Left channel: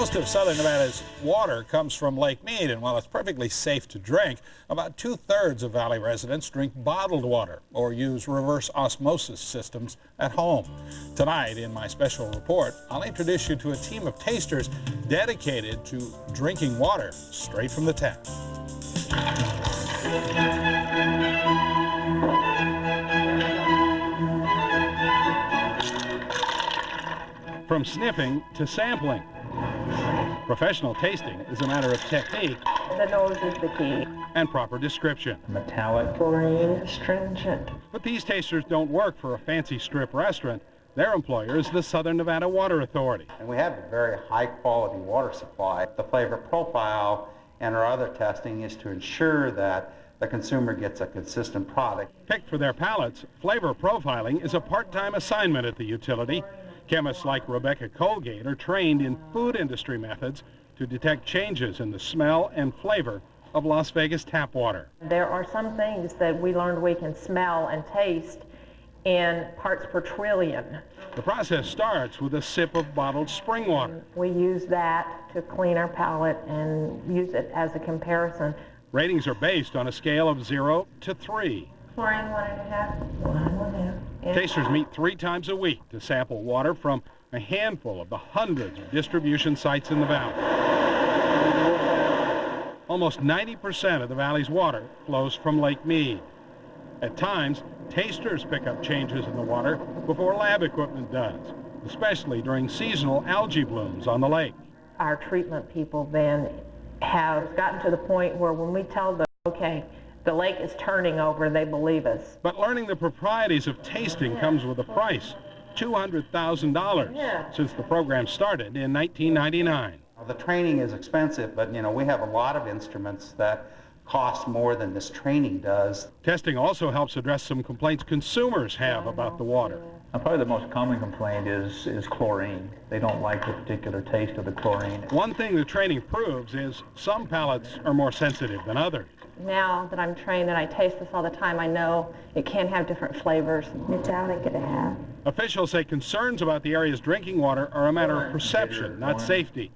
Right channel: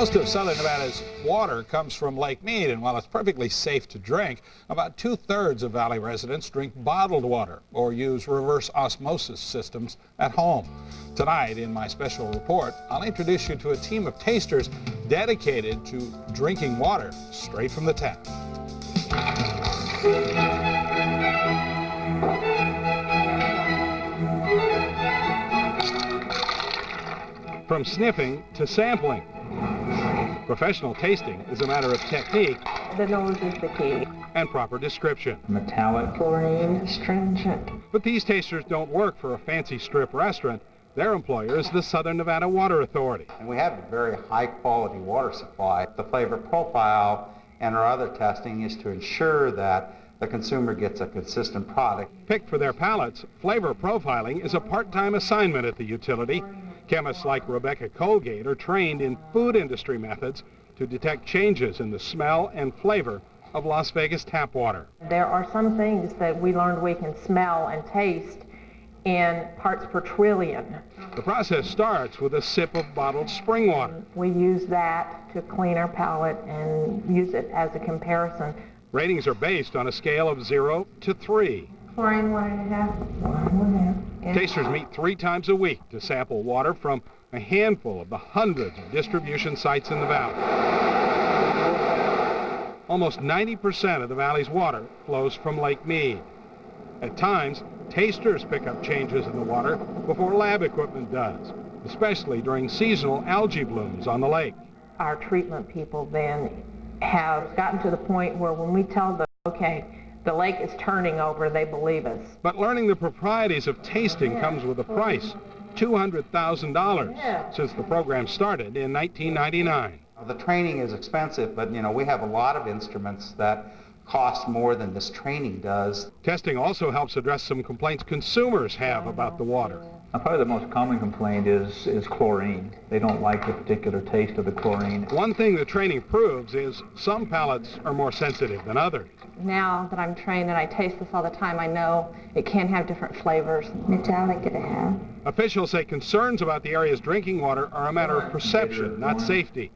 Most of southern Nevada's water comes from Lake Mead, and while it's perfectly safe to drink, about 2/3 of Valley residents drink bottled water or use reverse osmosis systems at home. Tonight, in my special report, I'll introduce you to a team of tasters dedicated to drinking water straight from the tap. From sniffing to sampling, professional tasting is a matter of technique. The nose is the key. And proper description. Metallic. Chlorine, astringent. But these tasters don't work for a fancy strip restaurant. Their employer is the Southern Nevada Water Authority. And we have a very high quality water supply. The flavor profile and our other testing is to ensure that the consumer gets a consistent product. Picked for their palates, flavor profiling is a part-time assignment at the utility. Chemists like Rebecca Colgate are trained in food industry methods to detect changes in the smell and flavor of Las Vegas tap water. There are some things that we learned we can smell and taste in parts per trillion. The process starts with a sip of bottled spring water. We use that to clean our palate and use it as a comparison. Ratings are based on a scale of 0 to 3. Chlorine 1.5, 1.5. Tasters meet 3 times a week to sample water from a handful of the hundreds of distribution sites in the valley. Almost 90% of the valley's water flows from Lake Mead. At times, tasters pick up changes in the water before lab equipment does, especially during seasonal algae blooms on the lake. Our treatment people then have gotten to the point where when we tell them, okay, the lake is turning over, they believe us. But learning the proprieties of tasting comes with a price, $200,000, since the program started in 1999. The training is expensive, but we have a lot of instruments that cost more than this training does. Testing also helps address some complaints consumers have about the water. Probably the most common complaint is chlorine. They don't like the particular taste of the chlorine. One thing the training proves is some palates are more sensitive than others. Now that I'm trained and I taste this all the time, I know it can have different flavors. Metallic it have. Officials say concerns about the area's drinking water are a matter of perception, not safety.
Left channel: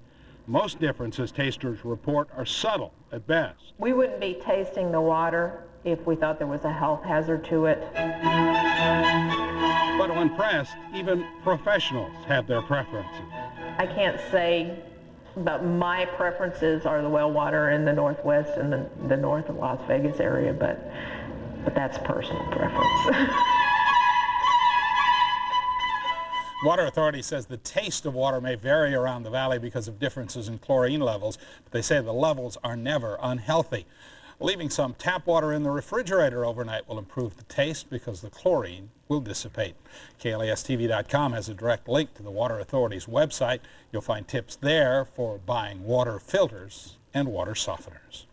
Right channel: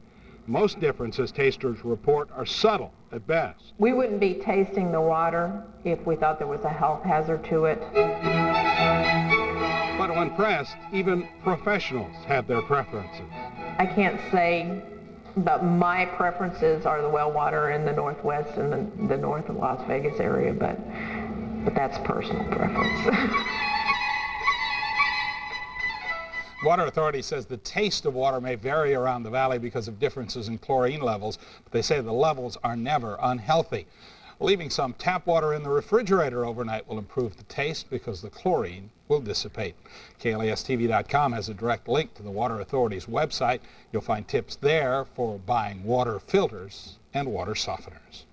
Most differences tasters report are subtle at best. We wouldn't be tasting the water if we thought there was a health hazard to it. But when pressed, even professionals have their preferences. I can't say, but my preferences are the well water in the Northwest and the north of Las Vegas area, but that's personal preference. Water Authority says the taste of water may vary around the valley because of differences in chlorine levels, but they say the levels are never unhealthy. Leaving some tap water in the refrigerator overnight will improve the taste because the chlorine will dissipate. KLAS-TV.com has a direct link to the Water Authority's website. You'll find tips there for buying water filters and water softeners.